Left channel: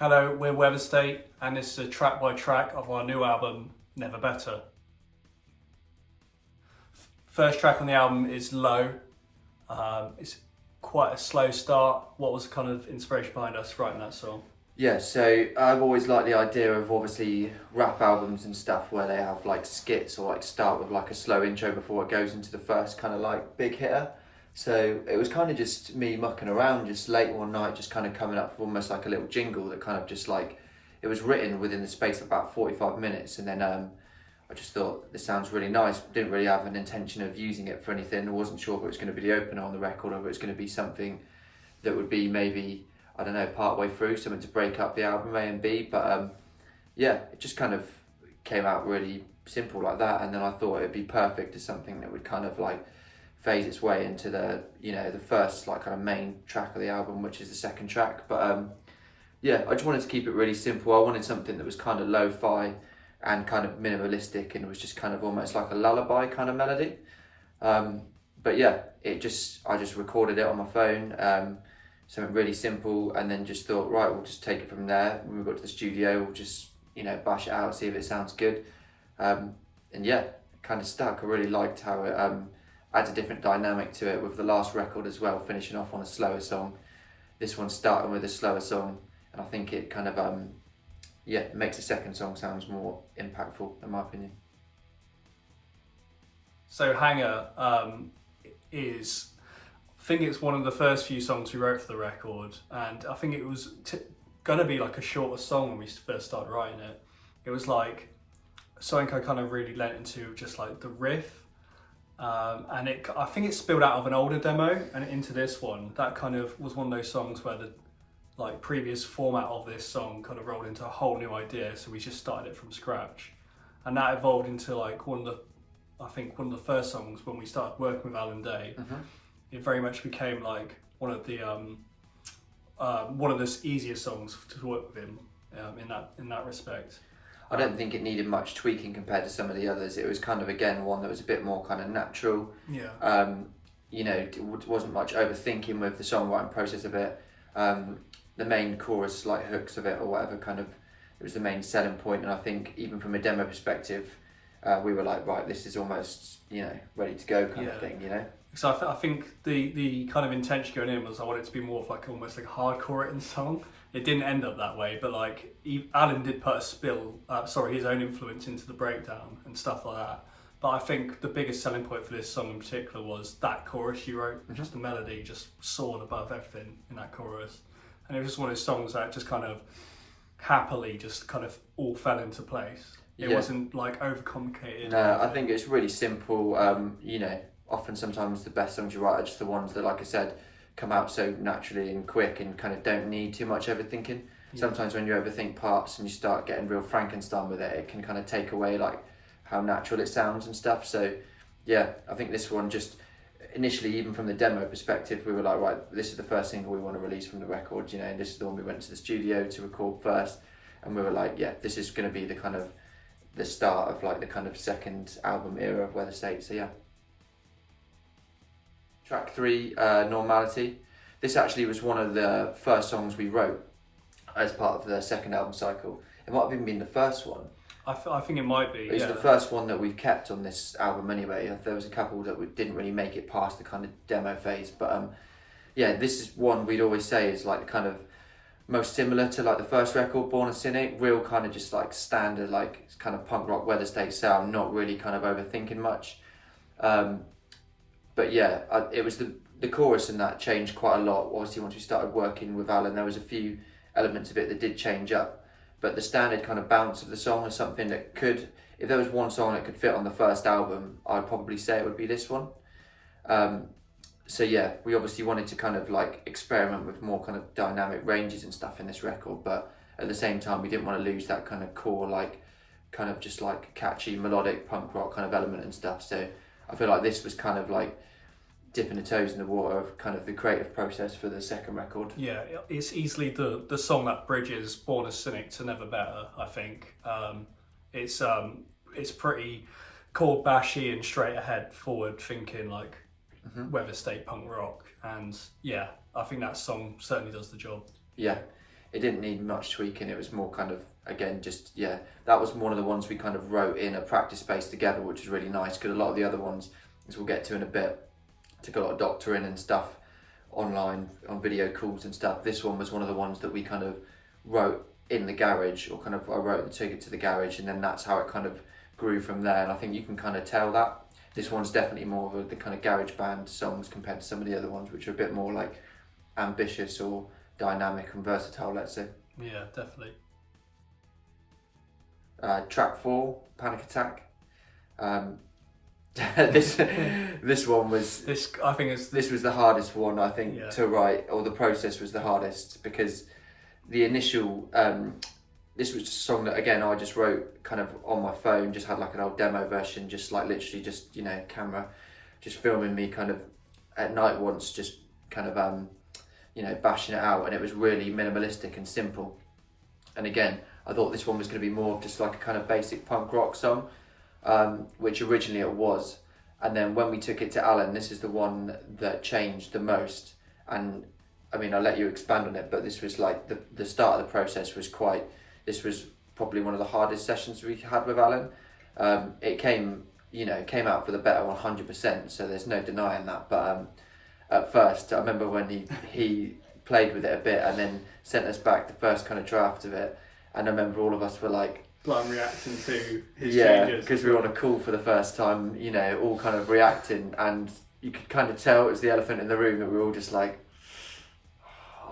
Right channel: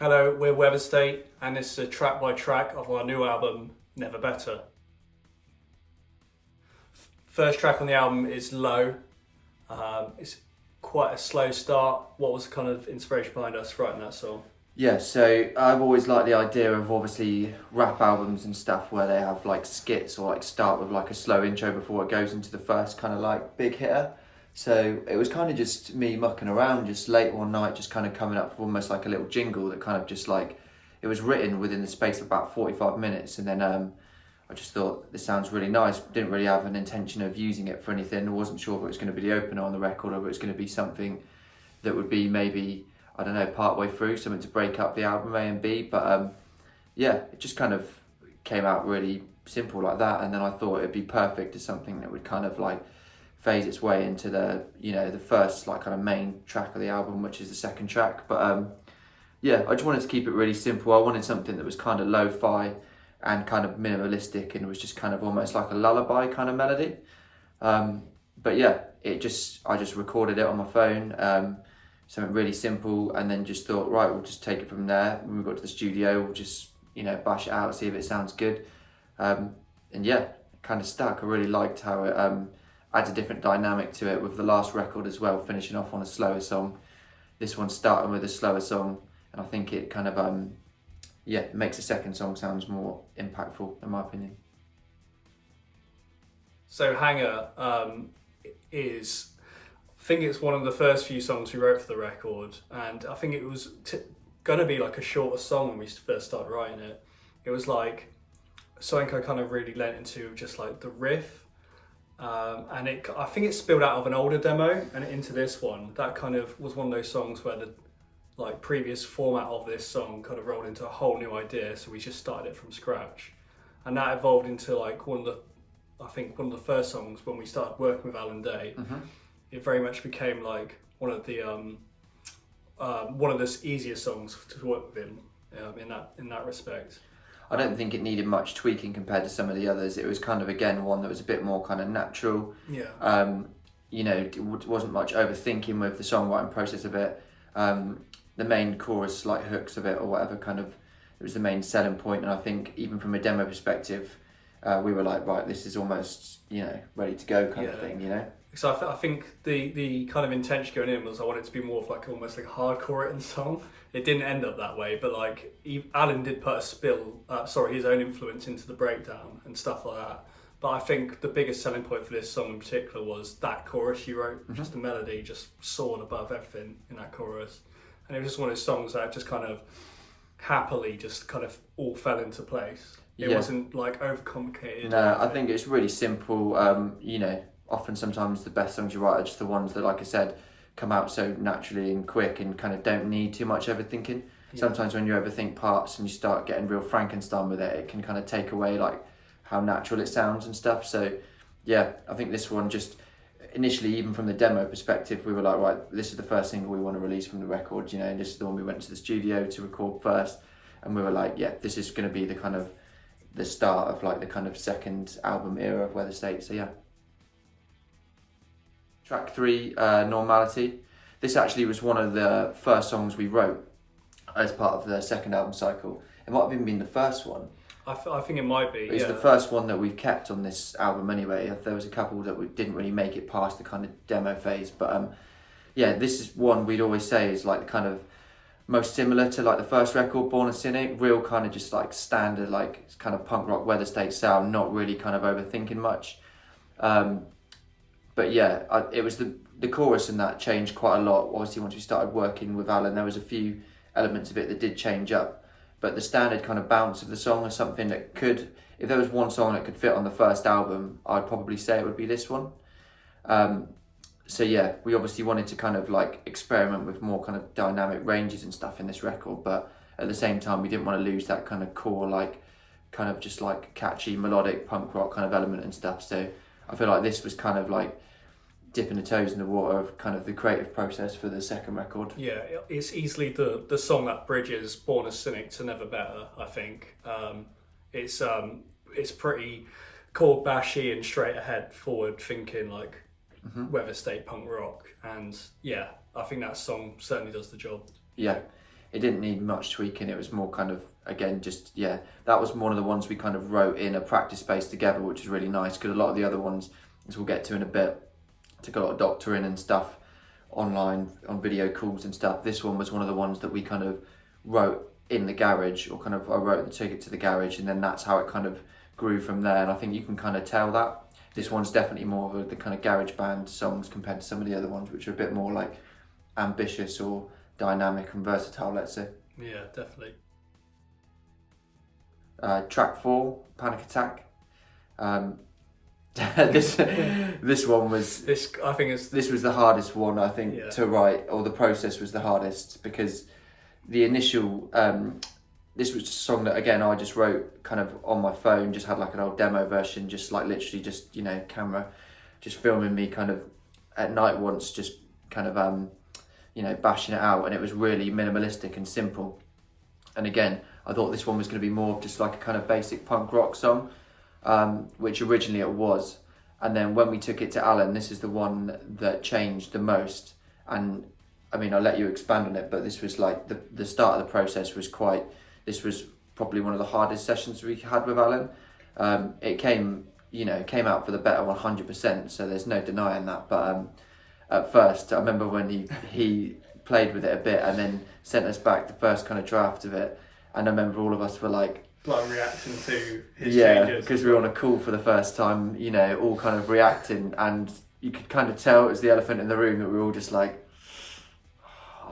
Hello, we're Weatherstate, and this is a track by track of our new album, Never Better. First track on the album is Low. It's quite a slow start. What was the kind of inspiration behind us writing that song? Yeah, so I've always liked the idea of obviously rap albums and stuff where they have like skits or like start with like a slow intro before it goes into the first kind of like big hitter. So it was kind of just me mucking around just late one night, just kind of coming up with almost like a little jingle that kind of just like, it was written within the space of about 45 minutes. And then I just thought this sounds really nice. Didn't really have an intention of using it for anything. I wasn't sure if it was going to be the opener on the record or if it was going to be something that would be maybe, I don't know, part way through, something to break up the album A and B. But yeah, it just kind of came out really simple like that. And then I thought it'd be perfect as something that would kind of like phase its way into the, you know, the first like kind of main track of the album, which is the second track. But yeah, I just wanted to keep it really simple. I wanted something that was kind of lo-fi and kind of minimalistic, and it was just kind of almost like a lullaby kind of melody. But yeah, I just recorded it on my phone, something really simple, and then just thought, right, we'll just take it from there. When we got to the studio, we'll just, you know, bash it out, see if it sounds good. And yeah, kind of stuck. I really liked how it adds a different dynamic to it with the last record as well, finishing off on a slower song. This one's starting with a slower song, and I think it kind of yeah, it makes the second song sounds more impactful in my opinion. So Hangar is, I think it's one of the first few songs we wrote for the record, and I think it was going to be like a shorter song when we first started writing it. It was like something I kind of really lent into, just like the riff. And I think it spilled out of an older demo and into this one. That kind of was one of those songs where the like previous format of this song kind of rolled into a whole new idea. So we just started it from scratch, and that evolved into like one of the first songs when we started working with Alan Day. It very much became like one of the easier songs to work with him in that respect. I don't think it needed much tweaking compared to some of the others. It was kind of, again, one that was a bit more kind of natural. Yeah. You know, it wasn't much overthinking with the songwriting process of it. The main chorus, like hooks of it or whatever, kind of, it was the main selling point. And I think even from a demo perspective, we were like, right, this is almost, you know, ready to go kind of thing, you know? So I think the kind of intention going in was I wanted it to be more of like almost like a hardcore written song. It didn't end up that way, but like Alan did put his own influence into the breakdown and stuff like that. But I think the biggest selling point for this song in particular was that chorus you wrote. Just the melody just soared above everything in that chorus, and it was just one of those songs that just kind of happily just kind of all fell into place. It wasn't like overcomplicated. No, I think it's really simple. You know, often sometimes the best songs you write are just the ones that, like I said, come out so naturally and quick and kind of don't need too much overthinking. Sometimes when you overthink parts and you start getting real Frankenstein with it, it can kind of take away like how natural it sounds and stuff. So yeah, I think this one just initially, even from the demo perspective, we were like, right, this is the first single we want to release from the record, you know, and this is the one we went to the studio to record first. And we were like, yeah, this is going to be the kind of the start of like the kind of second album era of Weatherstate. So yeah. Track 3, Normality. This actually was one of the first songs we wrote as part of the second album cycle. It might have even been the first one. I think it might be. It's the first one that we've kept on this album anyway. There was a couple that we didn't really make it past the kind of demo phase, but yeah, this is one we'd always say is like the kind of most similar to like the first record, Born a Cynic. Real kind of just like standard, like kind of punk rock Weatherstate sound, not really kind of overthinking much. But yeah, it was the chorus and that changed quite a lot. Obviously, once we started working with Alan, there was a few elements of it that did change up. But the standard kind of bounce of the song was something that could, if there was one song that could fit on the first album, I'd probably say it would be this one. So yeah, we obviously wanted to kind of like experiment with more kind of dynamic ranges and stuff in this record, but at the same time, we didn't want to lose that kind of core, like kind of just like catchy melodic punk rock kind of element and stuff. So I feel like this was kind of like dipping the toes in the water of kind of the creative process for the second record. Yeah, it's easily the song that bridges Born a Cynic to Never Better, I think. It's pretty chord bashy and straight ahead, forward thinking, like Weatherstate punk rock. And yeah, I think that song certainly does the job. Yeah, it didn't need much tweaking. It was more kind of, again, just, yeah, that was one of the ones we kind of wrote in a practice space together, which was really nice, because a lot of the other ones, as we'll get to in a bit, took a lot of doctoring and stuff online on video calls and stuff. This one was one of the ones that we kind of wrote in the garage, or kind of I wrote and took it to the garage, and then that's how it kind of grew from there. And I think you can kind of tell that this one's definitely more of the kind of garage band songs compared to some of the other ones, which are a bit more like ambitious or dynamic and versatile, let's say. Yeah, definitely. Track 4, Panic Attack. This one was, I think this was the hardest one, I think, yeah. to write, or the process was the hardest, because the initial this was just a song that, again, I just wrote kind of on my phone, just had like an old demo version, just like literally just, you know, camera just filming me kind of at night once, just kind of you know, bashing it out, and it was really minimalistic and simple. And again, I thought this one was going to be more of just like a kind of basic punk rock song, which originally it was. And then when we took it to Alan, this is the one that changed the most. And I mean, I'll let you expand on it, but this was like the start of the process was quite, this was probably one of the hardest sessions we had with Alan. It came, you know, came out for the better 100%, so there's no denying that. But at first, I remember when he played with it a bit and then sent us back the first kind of draft of it, and I remember all of us were like reacting to his yeah, changes. because we were on a call for the first time, you know, all kind of reacting, and you could kind of tell it was the elephant in the room, that we were all just like,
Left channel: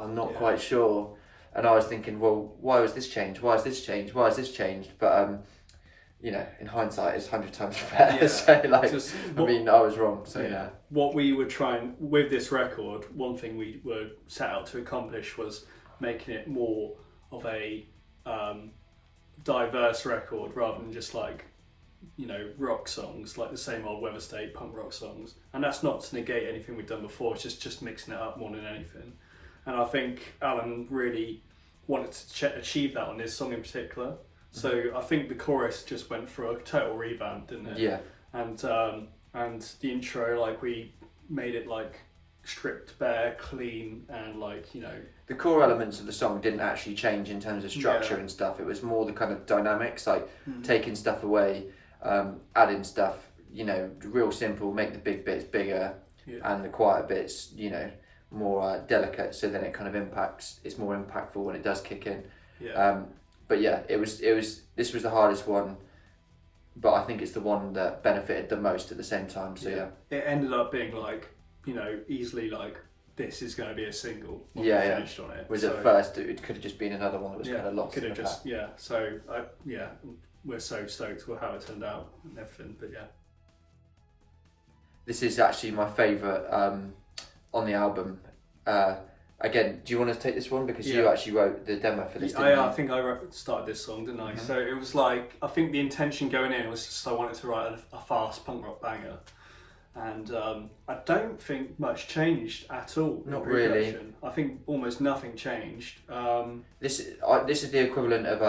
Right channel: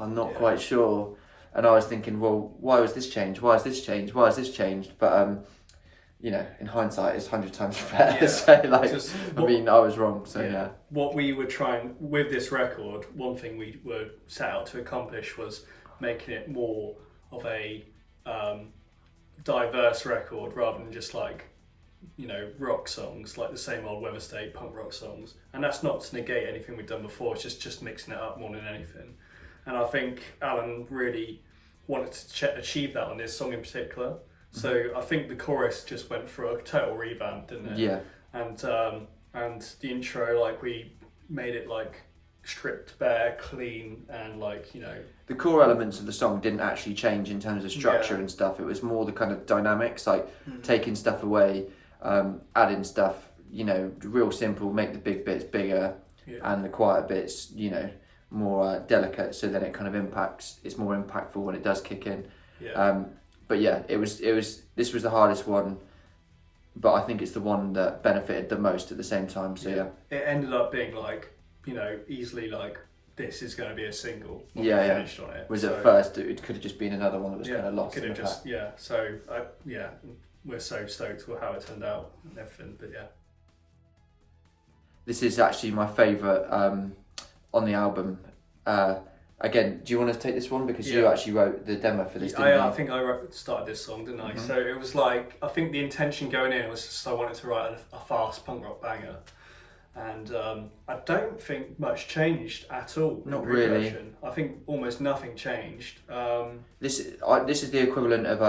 I'm not quite sure. And I was thinking, well, why was this changed? Why has this changed? Why has this changed? But you know, in hindsight, it's 100 times better. Yeah. So like, I mean, I was wrong. So yeah. What we were trying with this record, one thing we were set out to accomplish was making it more of a diverse record, rather than just like, you know, rock songs, like the same old Weatherstate punk rock songs. And that's not to negate anything we've done before, it's just mixing it up more than anything. And I think Alan really wanted to achieve that on this song in particular. So I think the chorus just went through a total revamp, didn't it? Yeah. And the intro, like, we made it like stripped bare, clean, and like, you know, the core elements of the song didn't actually change in terms of structure and stuff. It was more the kind of dynamics, like taking stuff away, adding stuff, you know, real simple, make the big bits bigger and the quieter bits, you know, more delicate, so then it kind of impacts, it's more impactful when it does kick in. But yeah, this was the hardest one, but I think it's the one that benefited the most at the same time. So yeah, it ended up being like, you know, easily like, this is going to be a single when we finished on it. Was at first it could have just been another one that was kind of lost. Could have just So we're so stoked with how it turned out and everything. But yeah, this is actually my favourite on the album. Again, do you want to take this one, because you actually wrote the demo for this? I think I started this song, didn't I? So it was like, I think the intention going in was just I wanted to write a fast punk rock banger. And I don't think much changed at all. Not really. I think almost nothing changed. This is the equivalent of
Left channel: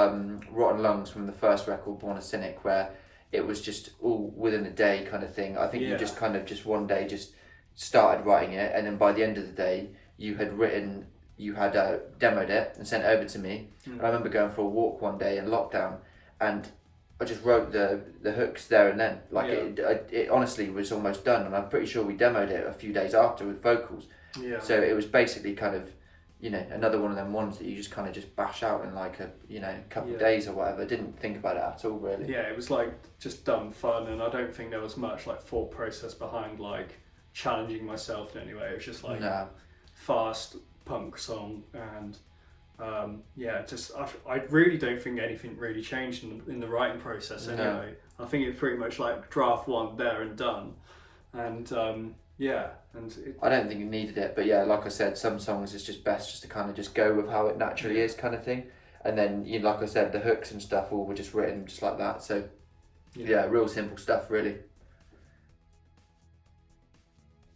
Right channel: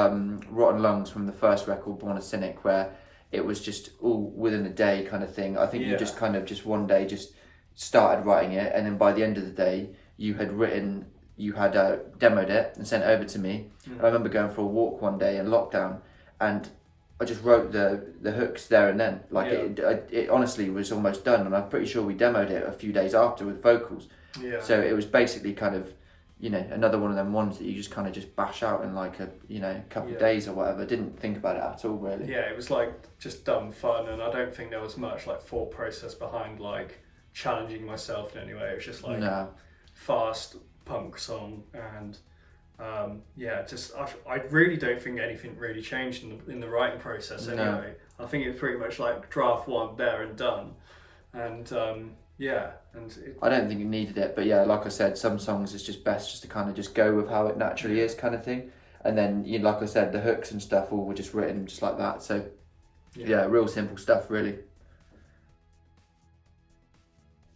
Rotten Lungs from the first record, Born a Cynic, where it was just all within a day kind of thing. I think you just kind of just one day just started writing it, and then by the end of the day you had demoed it and sent it over to me. And I remember going for a walk one day in lockdown, and I just wrote the hooks there and then. Like it honestly was almost done, and I'm pretty sure we demoed it a few days after with vocals. So it was basically kind of, you know, another one of them ones that you just kind of just bash out in like a, you know, couple of days or whatever. Didn't think about it at all, really. Yeah, it was like just done fun, and I don't think there was much like thought process behind like challenging myself in any way. It was just like fast punk song, and I really don't think anything really changed in the writing process anyway. I think it's pretty much like draft one there and done, and I don't think it needed it, but yeah, like I said, some songs it's just best just to kind of just go with how it naturally is, kind of thing. And then, you know, like I said, the hooks and stuff all were just written just like that. So yeah, real simple stuff, really.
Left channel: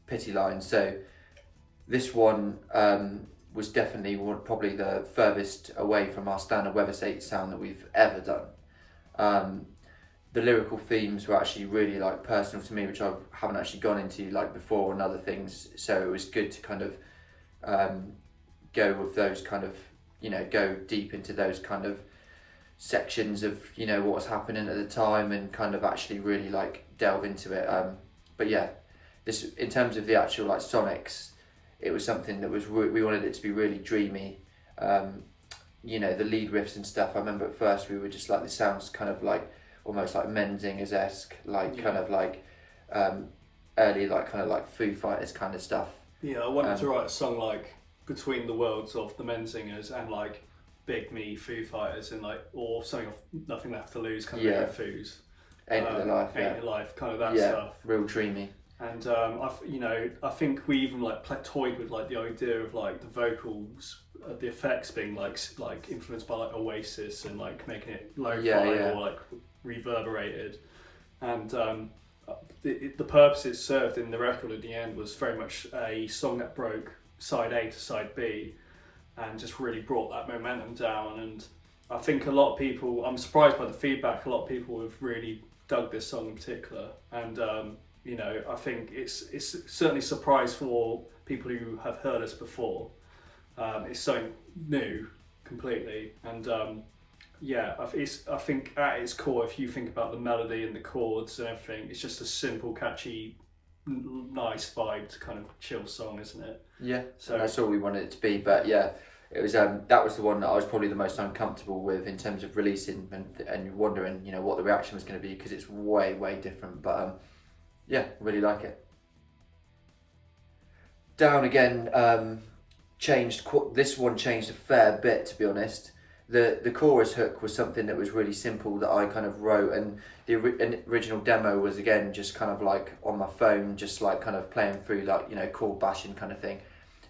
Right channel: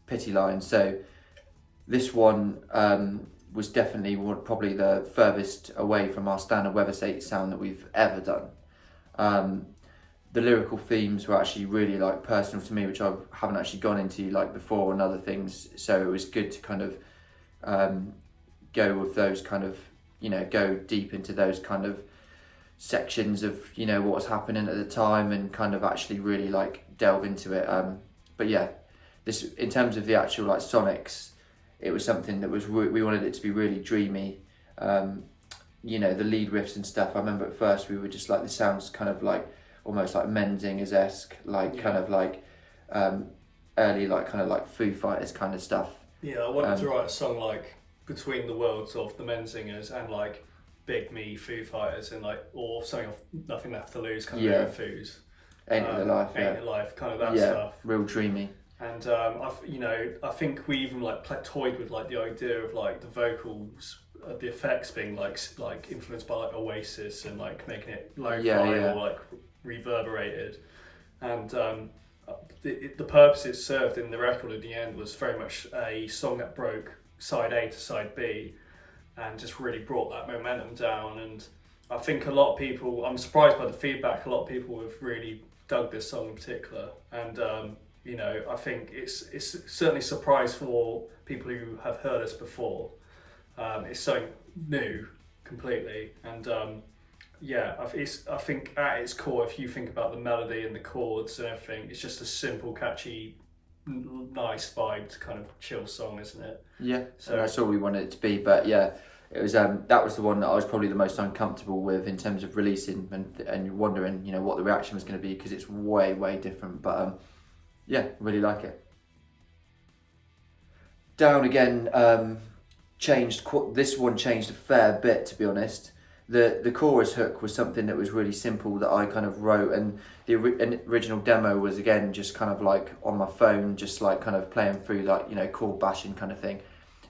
Pity Line. So this one was definitely probably the furthest away from our standard Weatherstate sound that we've ever done. The lyrical themes were actually really like personal to me, which I haven't actually gone into like before, and other things. So it was good to kind of go with those kind of go deep into those kind of sections of what was happening at the time and kind of actually really like delve into it. But yeah, this in terms of the actual like sonics, it was something that was we wanted it to be really dreamy. The lead riffs and stuff. I remember at first we were just like, this sounds kind of like almost like Menzingers-esque, like kind of like early like kind of like Foo Fighters kind of stuff. Yeah, I wanted to write a song like between the worlds of the Menzingers and like Big Me, Foo Fighters, and like, or something of Nothing Left to Lose, kind of Foos. Ain't It Alive, Ain't It Alive, kind of that stuff. Real dreamy. And I think we even like toyed with like the idea of like the vocals, the effects being like influenced by like Oasis and like making it lo-fi or like reverberated. And the purpose it served in the record at the end was very much a song that broke side A to side B, and just really brought that momentum down. And I think a lot of people, I'm surprised by the feedback, a lot of people have really dug this song in particular. And I think it's certainly a surprise for people who have heard us before. It's something new completely. And I think at its core, if you think about the melody and the chords and everything, it's just a simple, catchy, nice vibe to kind of chill song, isn't it? Yeah, so that's all we wanted it to be. But yeah, it was that was the one that I was probably the most uncomfortable with in terms of releasing and wondering what the reaction was going to be, because it's way different. But really like it. Down again, changed. This one changed a fair bit, to be honest. The chorus hook was something that was really simple that I kind of wrote, and the original demo was again just kind of like on my phone, just like kind of playing through like chord bashing kind of thing.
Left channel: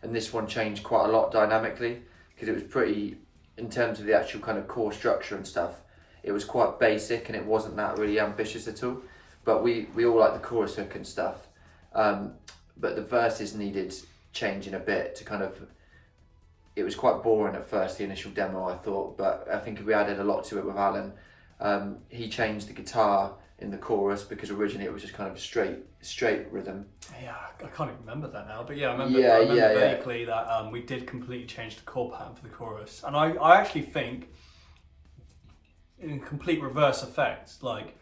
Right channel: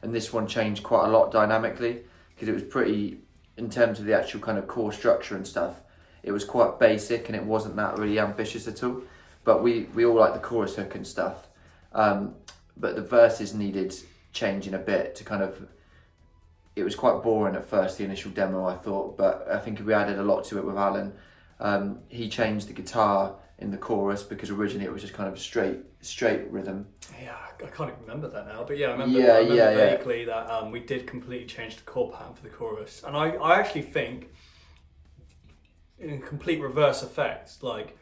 And this one changed quite a lot dynamically, because it was pretty, in terms of the actual kind of core structure and stuff, it was quite basic and it wasn't that really ambitious at all. But we all like the chorus hook and stuff, but the verses needed changing a bit to kind of. It was quite boring at first, the initial demo, I thought, but I think we added a lot to it with Alan. He changed the guitar in the chorus, because originally it was just kind of straight rhythm. Yeah, I can't even remember that now, but yeah, I remember vaguely that we did completely change the chord pattern for the chorus. And I actually think, in complete reverse effect, like,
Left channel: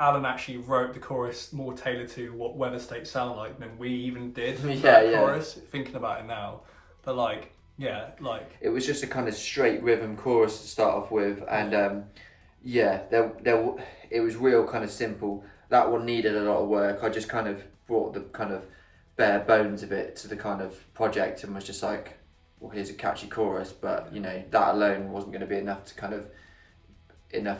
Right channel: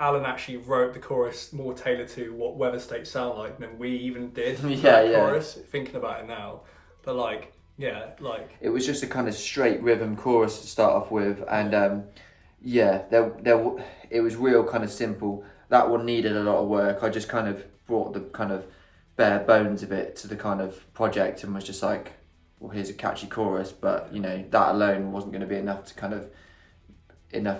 Alan actually wrote the chorus more tailored to what Weatherstate sound like than we even did for that chorus, thinking about it now. But like, it was just a kind of straight rhythm chorus to start off with, and it was real kind of simple. That one needed a lot of work. I just kind of brought the kind of bare bones of it to the kind of project and was just like, well, here's a catchy chorus, but that alone wasn't going to be enough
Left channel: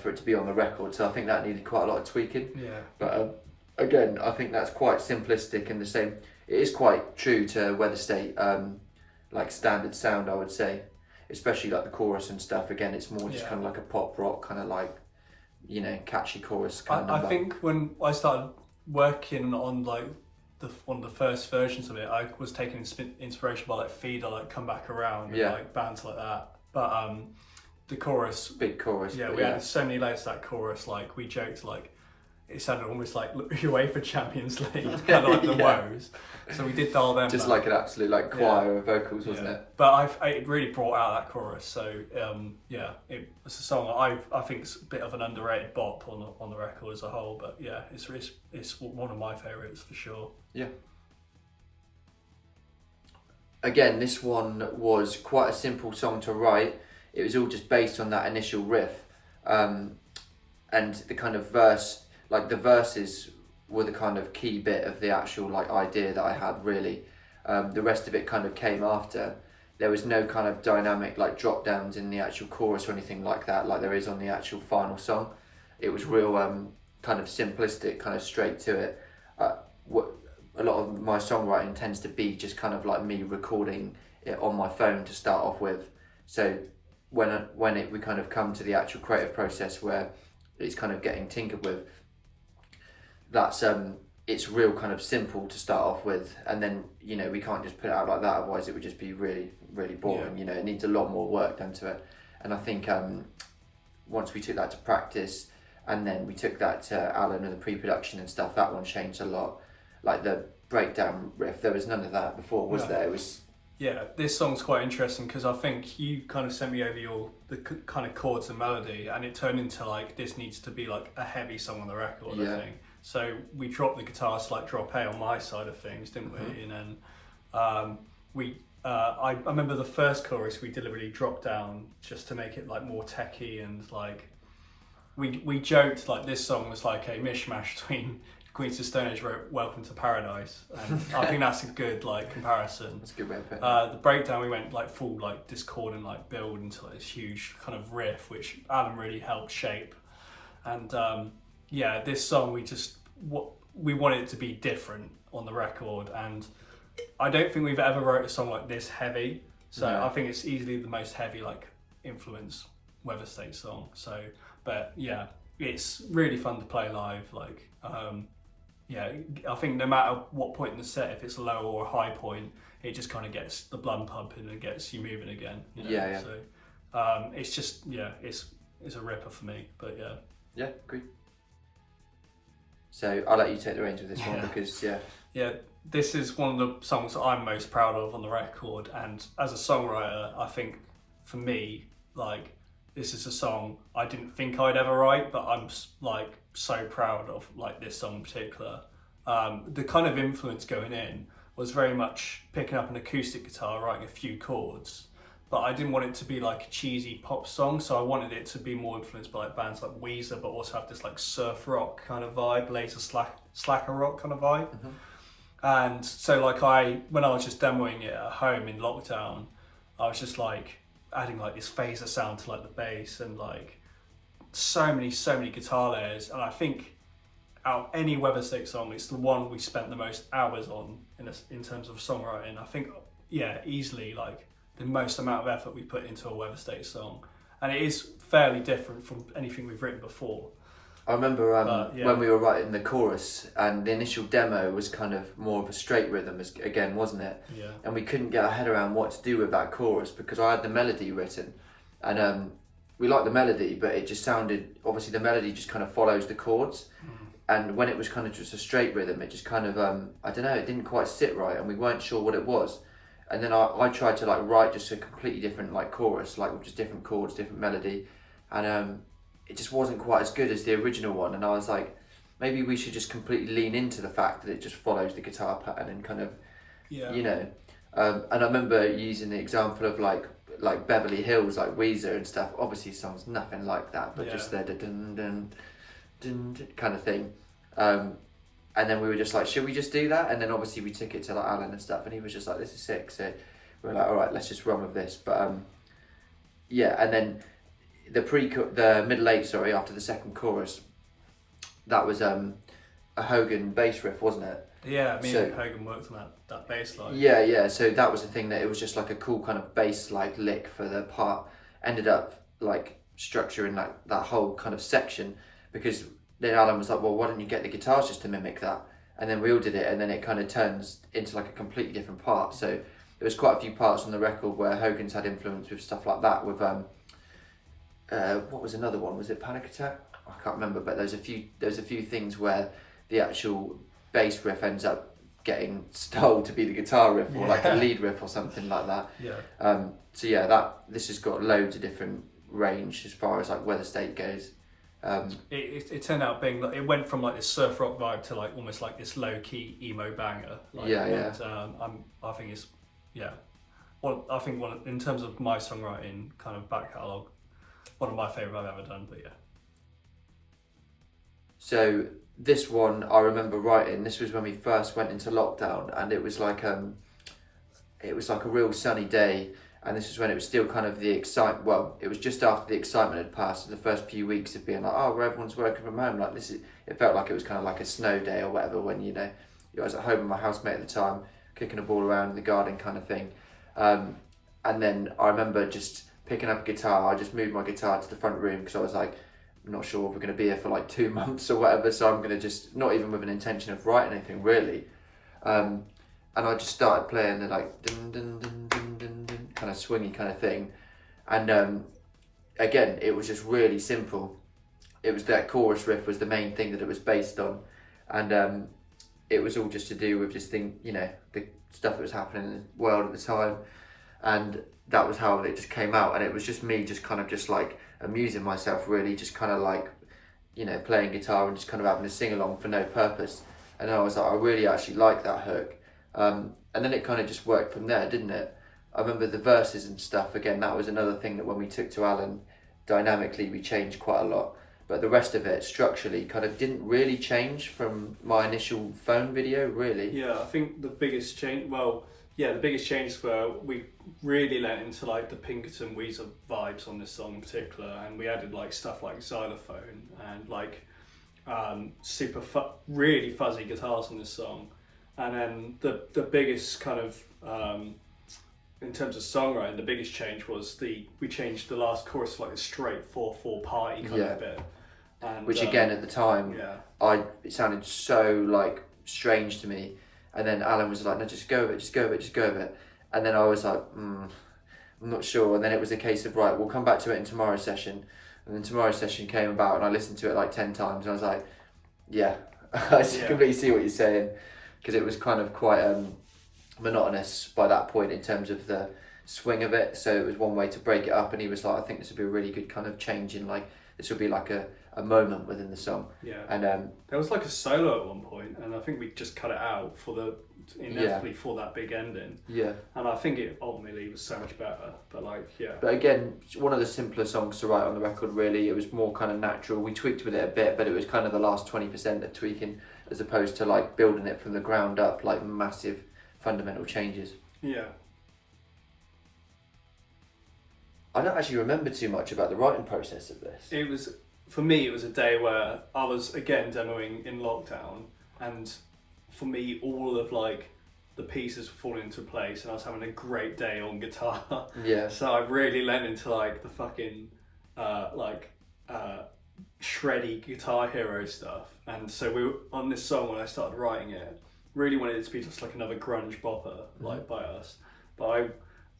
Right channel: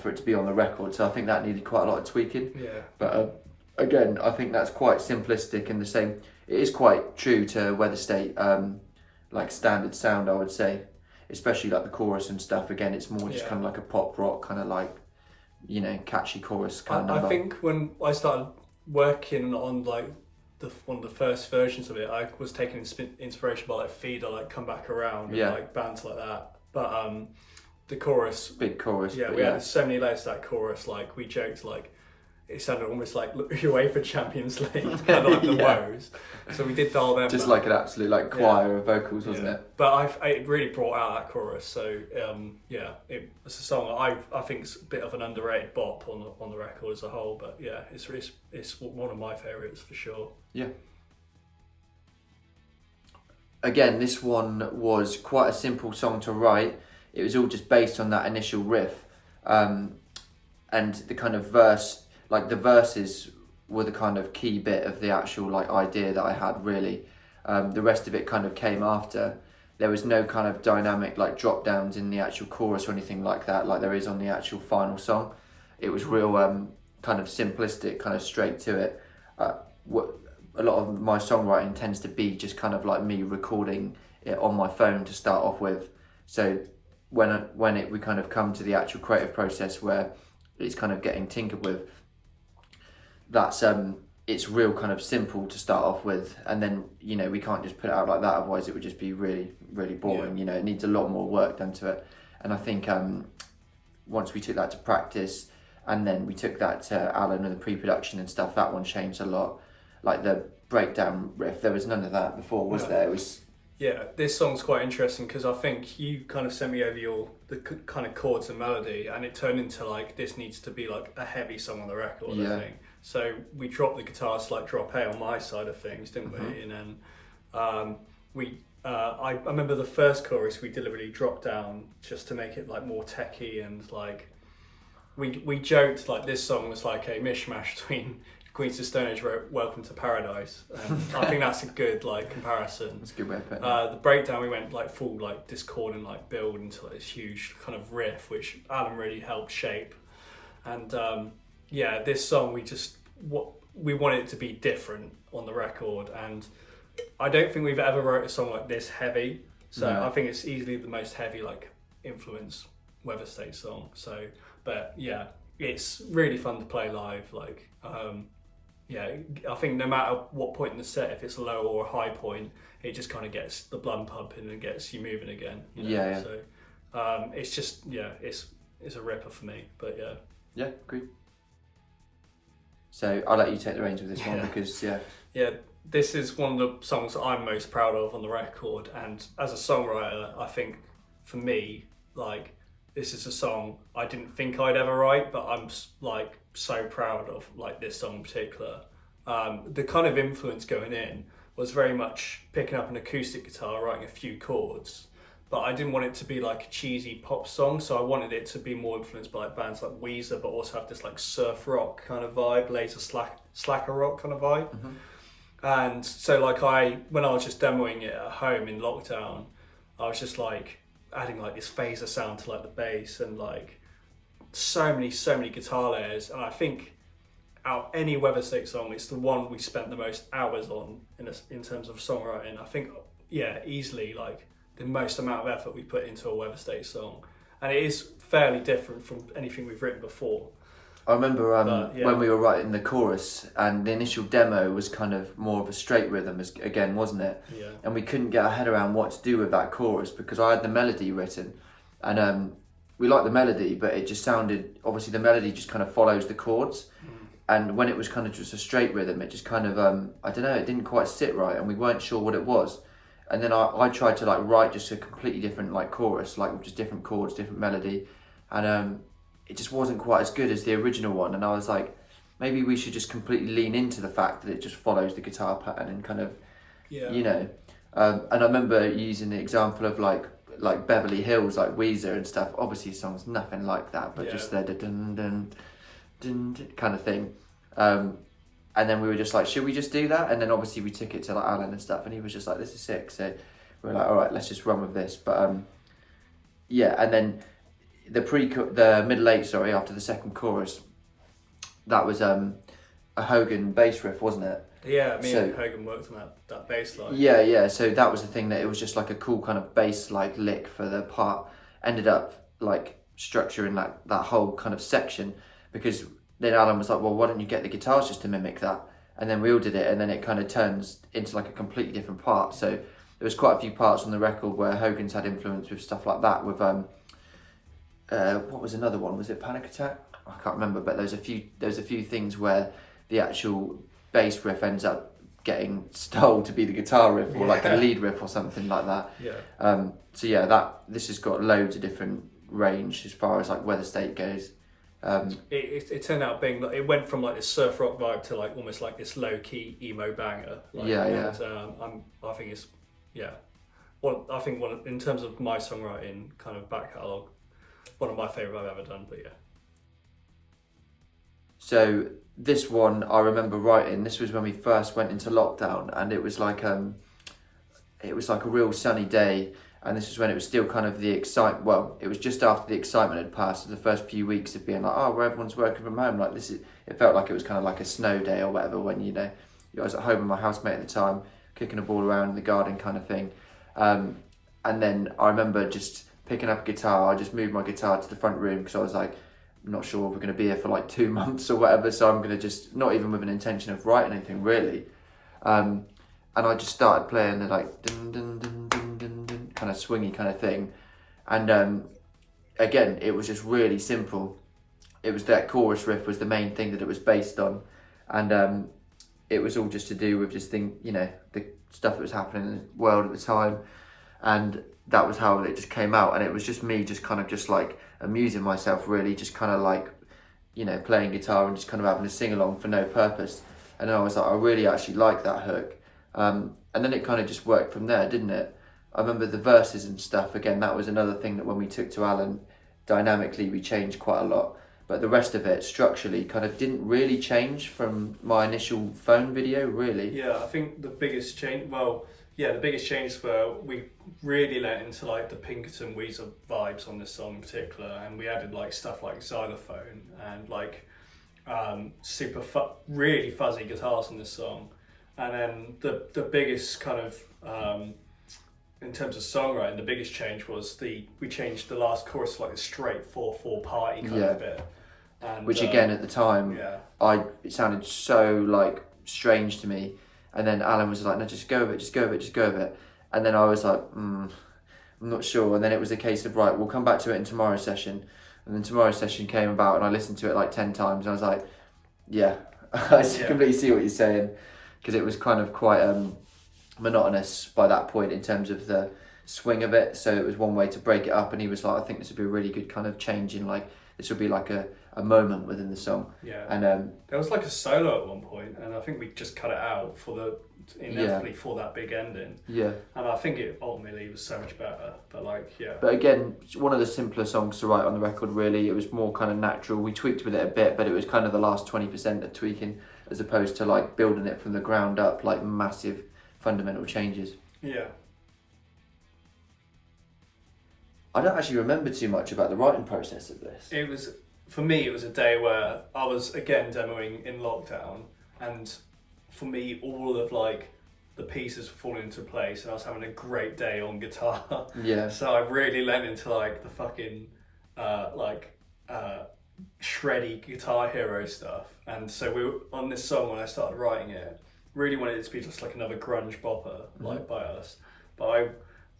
for it to be on the record. So I think that needed quite a lot of tweaking. Yeah. But again, I think that's quite simplistic, and the same. It is quite true to Weatherstate. Like standard sound, I would say, especially like the chorus and stuff. Again, it's more just kind of like a pop rock kind of like, catchy chorus kind of number. I think when I started working on like one of the first versions of it, I was taking inspiration by like Feeder, like Come Back Around, and like bands like that. But the chorus, big chorus. Yeah, we had so many layers to that chorus. Like we joked like it sounded almost like UEFA Champions League, kind of like the woes. So we did dial them. Just like an absolute like choir of vocals, wasn't it? But it really brought out that chorus. So it's a song I think it's a bit of an underrated bop on the record as a whole. But yeah, it's one of my favourites for sure. Yeah. Again, this one was quite a simple song to write. It was all just based on that initial riff, and the kind of verse. Like the verses were the kind of key bit of the actual like idea that I had, really. The rest of it kind of came after. There was no kind of dynamic like drop downs in the actual chorus or anything like that, like there is on the actual final song. It was real kind of simplistic, kind of straight to it. What a lot of my songwriting tends to be just kind of like me recording it on my phone to start off with. So when we kind of come to the actual creative process where it's kind of getting tinkered with, that's it's real kind of simple to start off with, and then we can't just put it out like that, otherwise it would just be really boring. It needs a lot more work done to it. And I think once we took that to practice, and then we took that to Alan and the pre-production and stuff, that one changed a lot. Like the breakdown riff, there was none of that before, was there? It was Yeah, this song's quite interesting because I think you kind of sent me over the kind of chords and melody, and it turned into like this needs to be like a heavy song on the record. Yeah. I think so. We dropped the guitars like drop A on my side of things, didn't we? And then I remember the first chorus we deliberately dropped down just to make it like more techy, and like we joked like this song was like a mishmash between Queens of Stone Age wrote Welcome to Paradise, and I think that's a good like comparison. That's a good way of putting it. The breakdown we went like full like discord and like build into like this huge kind of riff, which Adam really helped shape. And yeah, this song we wanted it to be different on the record, and I don't think we've ever wrote a song like this heavy. So No. I think it's easily the most heavy like influence Weatherstate song. So, but yeah, it's really fun to play live. Like. Yeah, I think no matter what point in the set, if it's a low or a high point, it just kind of gets the blood pumping and gets you moving again. You know? Yeah. So it's just it's a ripper for me. But yeah. Yeah, agreed. So I'll let you take the reins with this one because Yeah, this is one of the songs that I'm most proud of on the record, and as a songwriter, I think for me, like this is a song I didn't think I'd ever write, but I'm like so proud of like this song in particular. The kind of influence going in was very much picking up an acoustic guitar, writing a few chords, but I didn't want it to be like a cheesy pop song, so I wanted it to be more influenced by like bands like Weezer, but also have this like surf rock kind of vibe, later slacker rock kind of vibe. And so like when I was just demoing it at home in lockdown, I was just like adding like this phaser sound to like the bass and like so many guitar layers, and I think out of any Weatherstate song, it's the one we spent the most hours on in terms of songwriting. I think easily like the most amount of effort we put into a Weatherstate song, and it is fairly different from anything we've written before. I remember when we were writing the chorus, and the initial demo was kind of more of a straight rhythm again, wasn't it? Yeah. And we couldn't get our head around what to do with that chorus because I had the melody written, and we liked the melody, but it just sounded, obviously the melody just kind of follows the chords, and when it was kind of just a straight rhythm, it just kind of I don't know, it didn't quite sit right, and we weren't sure what it was. And then I tried to like write just a completely different like chorus, like with just different chords, different melody, and it just wasn't quite as good as the original one. And I was like, maybe we should just completely lean into the fact that it just follows the guitar pattern and kind of, you know. And I remember using the example of like Beverly Hills, like Weezer and stuff. Obviously, the song's nothing like that, but just the dun dun dun kind of thing. And then we were just like, should we just do that? And then obviously we took it to like Alan and stuff, and he was just like, this is sick. So we were like, all right, let's just run with this. But yeah, and then the middle eight, sorry, after the second chorus, that was a Hogan bass riff, wasn't it? Yeah, me and Hogan worked on that bass line. Yeah. So that was the thing, that it was just like a cool kind of bass like lick for the part. Ended up like structuring like that whole kind of section, because then Alan was like, well, why don't you get the guitars just to mimic that? And then we all did it, and then it kind of turns into like a completely different part. So there was quite a few parts on the record where Hogan's had influence with stuff like that. With what was another one? Was it Panic Attack? I can't remember, but there's a few things where the actual bass riff ends up getting stole to be the guitar riff, or like a lead riff or something like that. So yeah, this has got loads of different range as far as like Weatherstate goes. It turned out being like, it went from like this surf rock vibe to like almost like this low key emo banger. Like, And, I think it's I think in terms of my songwriting kind of back catalogue, one of my favourite I've ever done. But yeah. So this one I remember writing. This was when we first went into lockdown, and it was like a real sunny day. And this is when it was still kind of the excitement. Well, it was just after the excitement had passed. The first few weeks of being like, oh, where everyone's working from home. Like it felt like it was kind of like a snow day or whatever. When I was at home with my housemate at the time, kicking a ball around in the garden, kind of thing. And then I remember just picking up a guitar. I just moved my guitar to the front room because I was like, I'm not sure if we're going to be here for like 2 months or whatever. So I'm going to just, not even with an intention of writing anything really. And I just started playing the like dun dun dun dun dun dun kind of swingy kind of thing, and again it was just really simple. It was that chorus riff was the main thing that it was based on, and it was all just to do with just the stuff that was happening in the world at the time, and that was how it just came out. And it was just me just kind of just like amusing myself, really, just kind of like, playing guitar and just kind of having a sing along for no purpose. And I was like, I really actually like that hook. And then it kind of just worked from there, didn't it? I remember the verses and stuff, again, that was another thing that when we took to Alan, dynamically we changed quite a lot. But the rest of it, structurally, kind of didn't really change from my initial phone video, really. Yeah, I think the biggest change, the biggest changes were we really let into like the Pinkerton Weezer vibes on this song in particular, and we added like stuff like xylophone and like really fuzzy guitars on this song. And then the biggest kind of in terms of songwriting, the biggest change was we changed the last chorus to like a straight 4/4 party kind of bit. And, which again at the time, it sounded so like strange to me. And then Alan was like, no, just go with it, just go with it, just go with it. And then I was like, I'm not sure. And then it was a case of, right, we'll come back to it in tomorrow's session. And then tomorrow's session came about and I listened to it like 10 times and I was like, yeah, I completely see what you're saying. Because it was kind of quite monotonous by that point in terms of the swing of it. So it was one way to break it up. And he was like, I think this would be a really good kind of change in like, this would be like a moment within the song. Yeah. And there was like a solo at one point, and I think we just cut it out inevitably for that big ending. Yeah. And I think it ultimately was so much better. But like, yeah. But again, one of the simpler songs to write on the record, really. It was more kind of natural. We tweaked with it a bit, but it was kind of the last 20% of tweaking, as opposed to like building it from the ground up, like massive fundamental changes. Yeah. I don't actually remember too much about the writing process of this. For me, it was a day where I was again demoing in lockdown, and for me, all of like the pieces were falling into place, and I was having a great day on guitar. Yeah. So I really lent into like the fucking shreddy Guitar Hero stuff, and so we were on this song when I started writing it. Really wanted it to be just like another grunge bopper, like by us, but I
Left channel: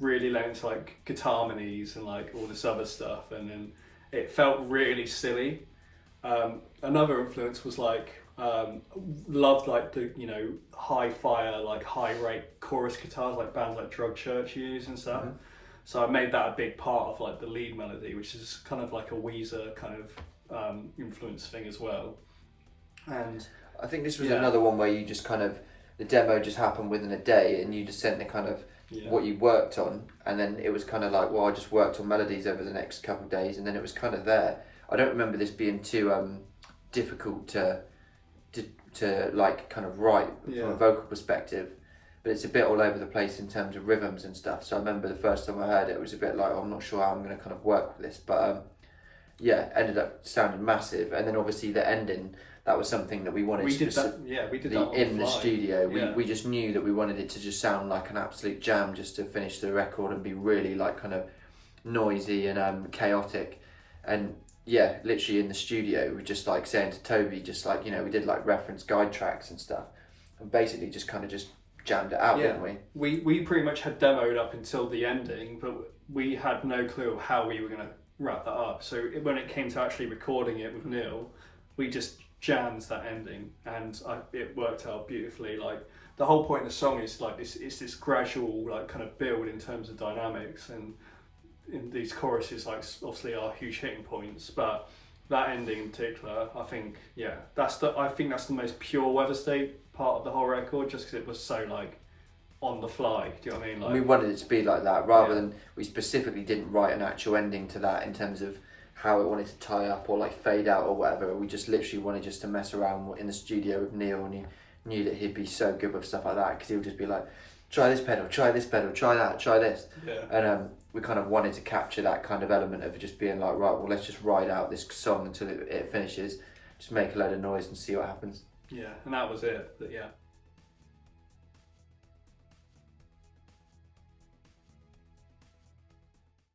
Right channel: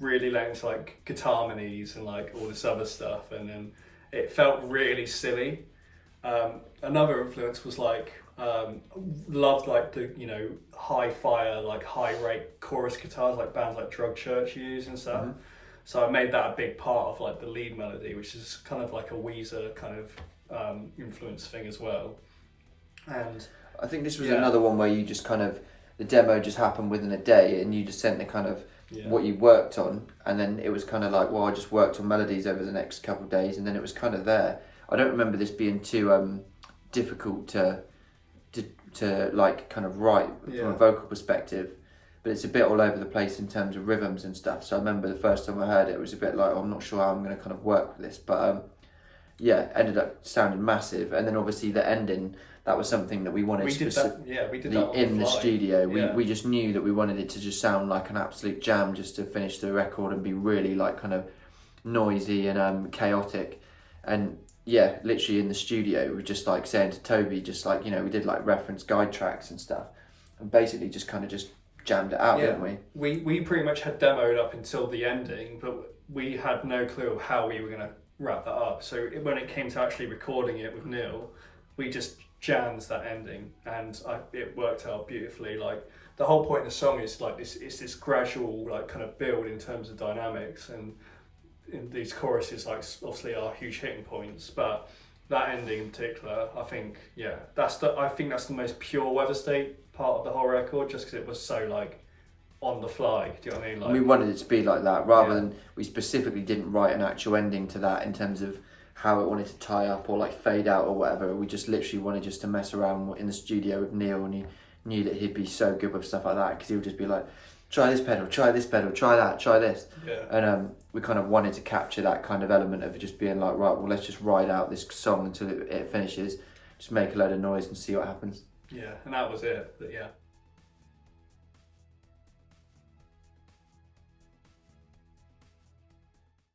really lent into like guitar harmonies and like all this other stuff, and then it felt really silly. Another influence was like loved like the high fire, like high rate chorus guitars like bands like Drug Church use and stuff. So I made that a big part of like the lead melody, which is kind of like a Weezer kind of influence thing as well. And I think this was another one where you just kind of, the demo just happened within a day and you just sent the kind of what you worked on, and then it was kind of like, well, I just worked on melodies over the next couple of days, and then it was kind of there. I don't remember this being too difficult to like kind of write from a vocal perspective, but it's a bit all over the place in terms of rhythms and stuff. So I remember the first time I heard it, it was a bit like, oh, I'm not sure how I'm going to kind of work with this, but ended up sounding massive. And then obviously the ending, that was something that we wanted we did that in the studio. We just knew that we wanted it to just sound like an absolute jam, just to finish the record and be really like kind of noisy and chaotic. And yeah, literally in the studio, we were just like saying to Toby, just like, we did like reference guide tracks and stuff, and basically just kind of just jammed it out, didn't we? We pretty much had demoed up until the ending, but we had no clue of how we were going to wrap that up. So when it came to actually recording it with Neil, we just jammed that ending, and it worked out beautifully. Like the whole point of the song is like this gradual like kind of build in terms of dynamics, and in these choruses like obviously are huge hitting points, but that ending in particular, I think that's the most pure Weatherstate part of the whole record, just because it was so like on the fly. Do you know what I mean? Like, we wanted it to be like that, rather than, we specifically didn't write an actual ending to that in terms of how it wanted to tie up or like fade out or whatever. We just literally wanted just to mess around in the studio with Neil, and he knew that he'd be so good with stuff like that, because he would just be like, try this pedal, try that, try this. And we kind of wanted to capture that kind of element of just being like, right, well, let's just ride out this song until it finishes, just make a load of noise and see what happens. Yeah, and that was it. But yeah.